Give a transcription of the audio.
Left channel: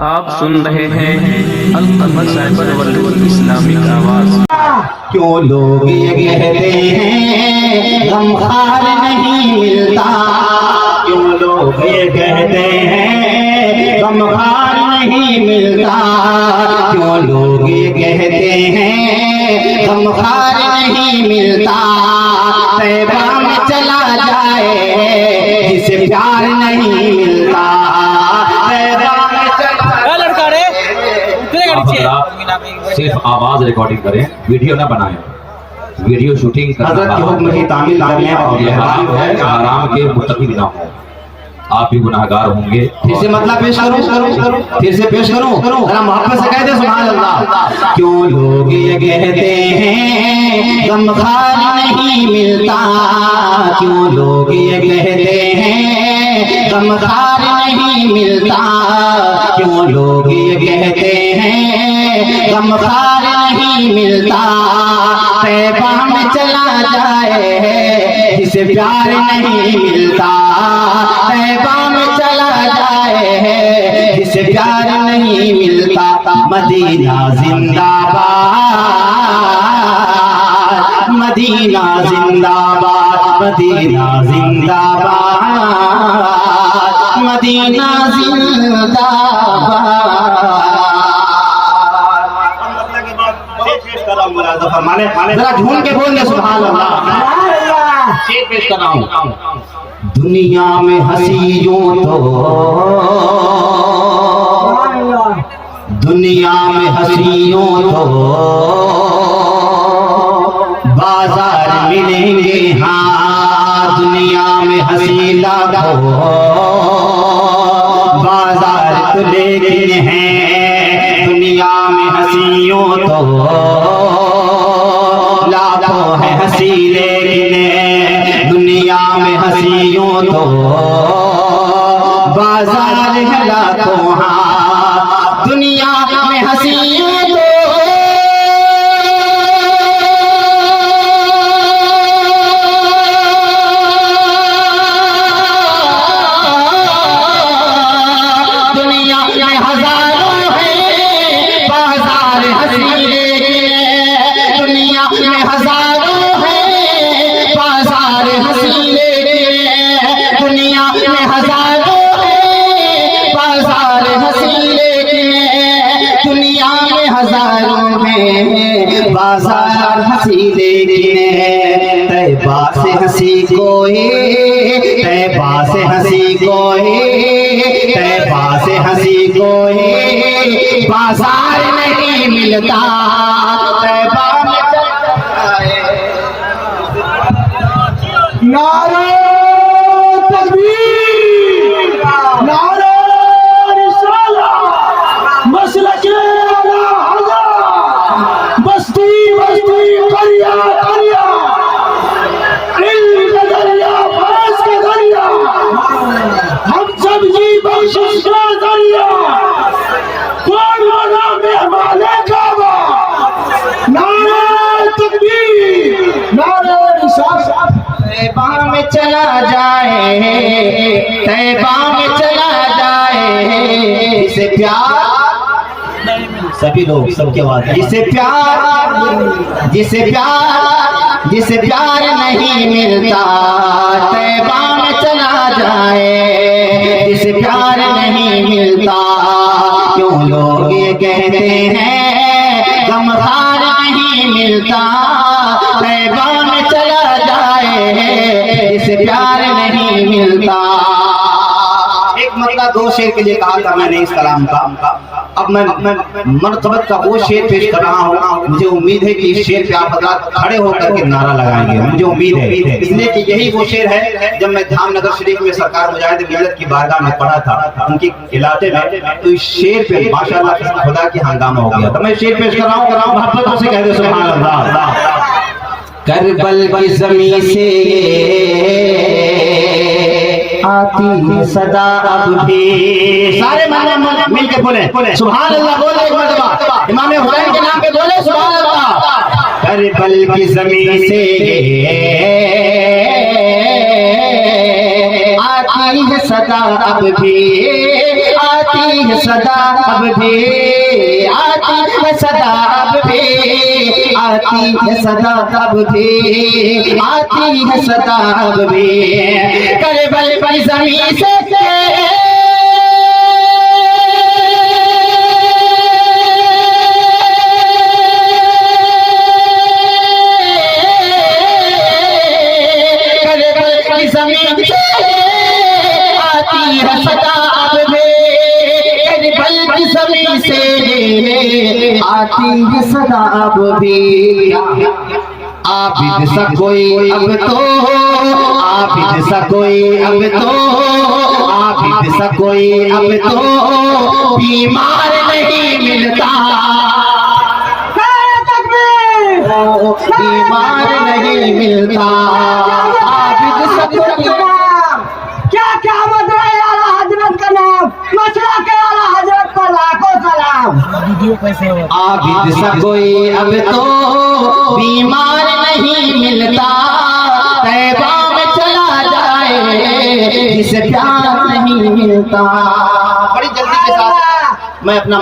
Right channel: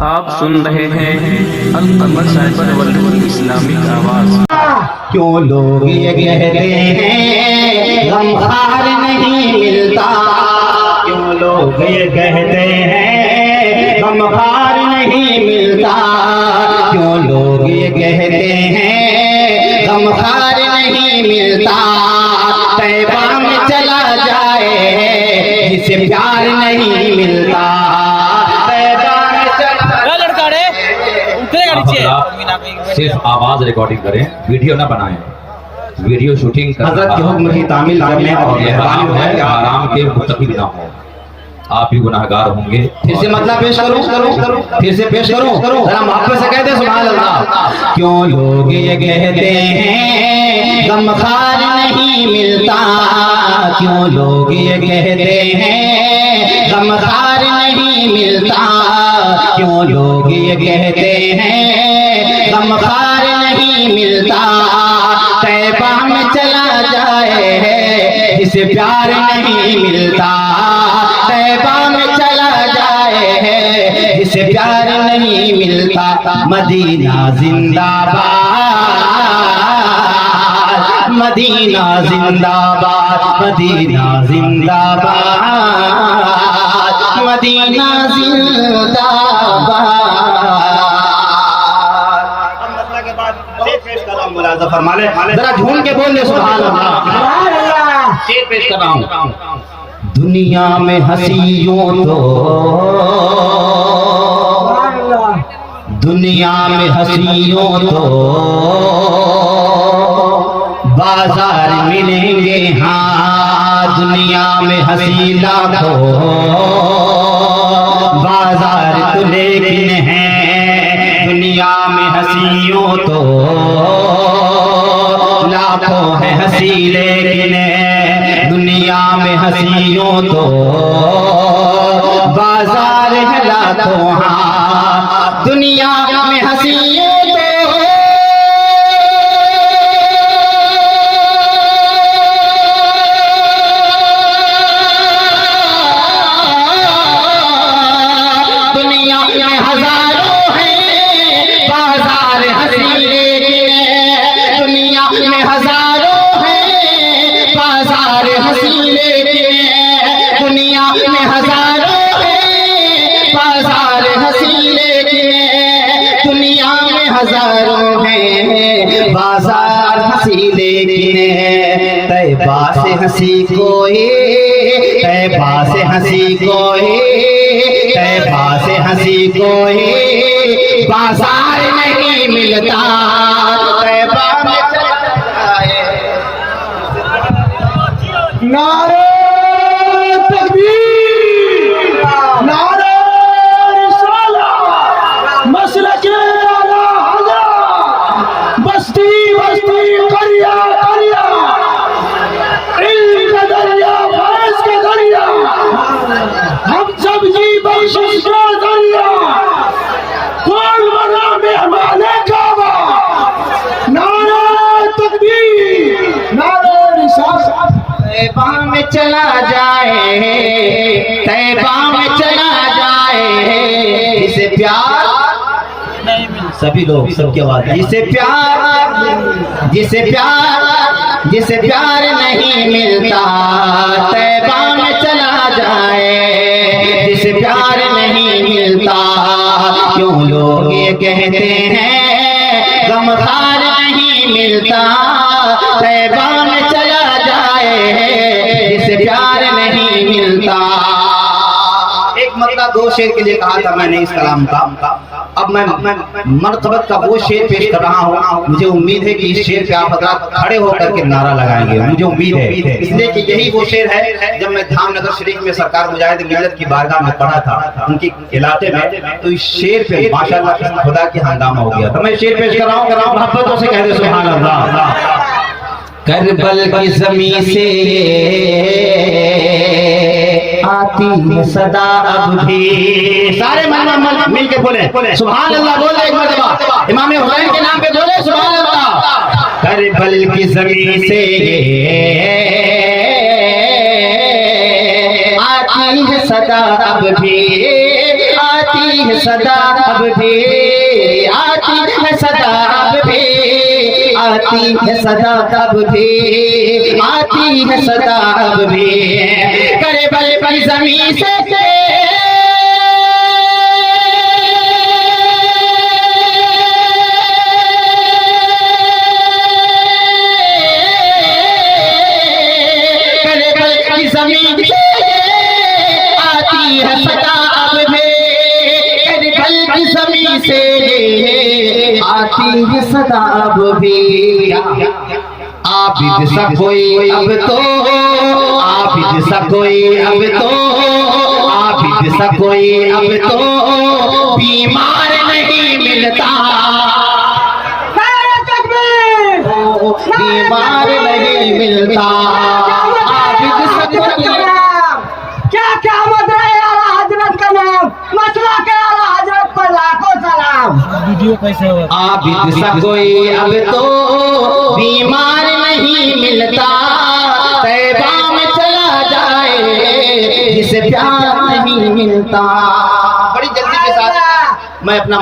आप सुन रहे हैं अल-कमर साइबर वर्ल्ड इस्लामिक आवाज। क्यों लोग ये कहते हैं गमखार नहीं मिलता, क्यों लोग ये कहते हैं गमखार नहीं मिलता, क्यों लोग ये कहते हैं गमखार नहीं मिलता। तैबा में चला जाए जिसे प्यार नहीं मिलता, तैबा में चला सिर्फ आवाज रिकॉर्डिंग करें, वीडियो ना बनाएं। वीडियो शूटिंग हज़रत के हुक्म की तामील करने और आराम के मुत्तकी ना हो, आप भी गुनाहगार होंगे। फिर से मतलब पेश करूं, फिर से पेश करूं, जरा मोहब्बत से कह दे सुभान अल्लाह। क्यों लोग ये कहते हैं गमखार नहीं मिलता, क्यों लोग ये कहते हैं गमखार नहीं मिलता, क्यों लोग ये कहते हैं गमखार नहीं मिलता। तैबा में चला जाए जिसे प्यार नहीं मिलता, तैबा में चला जाए जिसे प्यार नहीं मिलता। मदीना जिंदाबाद, मदीना जिंदाबाद, मदीना जिंदाबाद, मदीना जिंदाबाद। जरा झूम के बोल दे सुभान अल्लाह। शेर पेश कर रहा हूं। दुनिया में हंसियों तो, दुनिया में हंसियों तो बाजार मिलेंगे, हाँ दुनिया में हंसी लाखों बाजार तो लेकिन है, दुनिया में हंसियों तो लाखों है हंसी लेकिन है, दुनिया में हंसियों तो बाजार है लाखों, हाँ दुनिया में हंसियों तो दुनिया में हजारों है बाजार हंसी लेकिन है, दुनिया में हजारों है बाजार हंसी लेकिन है, दुनिया में हजारों है बाजार हंसी लेकिन है, दुनिया में हजारों है बाजार हंसी लेकिन है। तैबा से हंसी कोई, तैबा से हंसी कोई, तैबा से हंसी कोई बाजार नहीं मिलता। तैबा में नारे तकबीर, नारे रिसालत, मसलके आला हज़रत, बस्ती बस्ती करिया करिया, इल्म का दरिया फैज़ का दरिया, हम सब की बख्शिश का दरिया, कौन बना मेहमाने काबा। नारे तकबीर, नारे रिसालत। तैबा में चला जाए, तैबा में चला जाए जिसे प्यार, सभी लोग सबके बाद, जिसे प्यार, जिसे प्यार, जिसे प्यार नहीं मिलता। तैबा में चला जाए जिसे प्यार नहीं मिलता। क्यों लोग ये कहते हैं गमखार नहीं मिलता, तैबा में चला जाए जिसे प्यार नहीं मिलता। एक मतलब दो शेर के लिए कहा था मैंने इस कलाम का, अब मैं मरतबत का वो शेर पेश कर रहा हूँ। मुझे उम्मीद है कि इस शेर पे आप हज़रात खड़े होकर के नारा लगाएंगे, मुझे उम्मीद है, इसलिए कि यही वो शेर है जब मैं धामनगर शरीफ में सरकार मुजाहिद मिल्लत की बारगाह में पढ़ा था उनके इलाके में, तो इस शेर पे माशाअल्लाह खुदा की हंगामा हो गया। तो मैं शेर पेश कर रहा हूँ, मोहब्बतों से कह दे सुभान अल्लाह। करबल की ज़मीं से आती है सदा अब भी, सारे मिल के बोले सुभान अल्लाह, बोले एक मरतबा इमाम हुसैन के नाम पे बोले सुभान अल्लाह। करबल की ज़मीं से आती है सदा अब भी, आती है सदा अब भी, आती है सदा अब भी, आती है सदा अब भी, आती है सदा अब भी। करबल की ज़मीं से ज़मीन से आती है सदा अब भी, करबल की ज़मीन से आती है सदा अब भी। आबिद सा कोई अब तो, आबिद सा कोई अब तो, आबिद सा कोई अब तो बीमार नहीं मिलता, बीमार नहीं मिलता। क्या क्या मत रहे आला हजरत का नाम, मसला के आला हजरत पर लाखों सलाम। आबिद सा कोई अब तो बीमार नहीं मिलता, तैबा में चला जाए जिसे प्यार नहीं मिलता। बड़ी जल्दी के साथ मैं अपना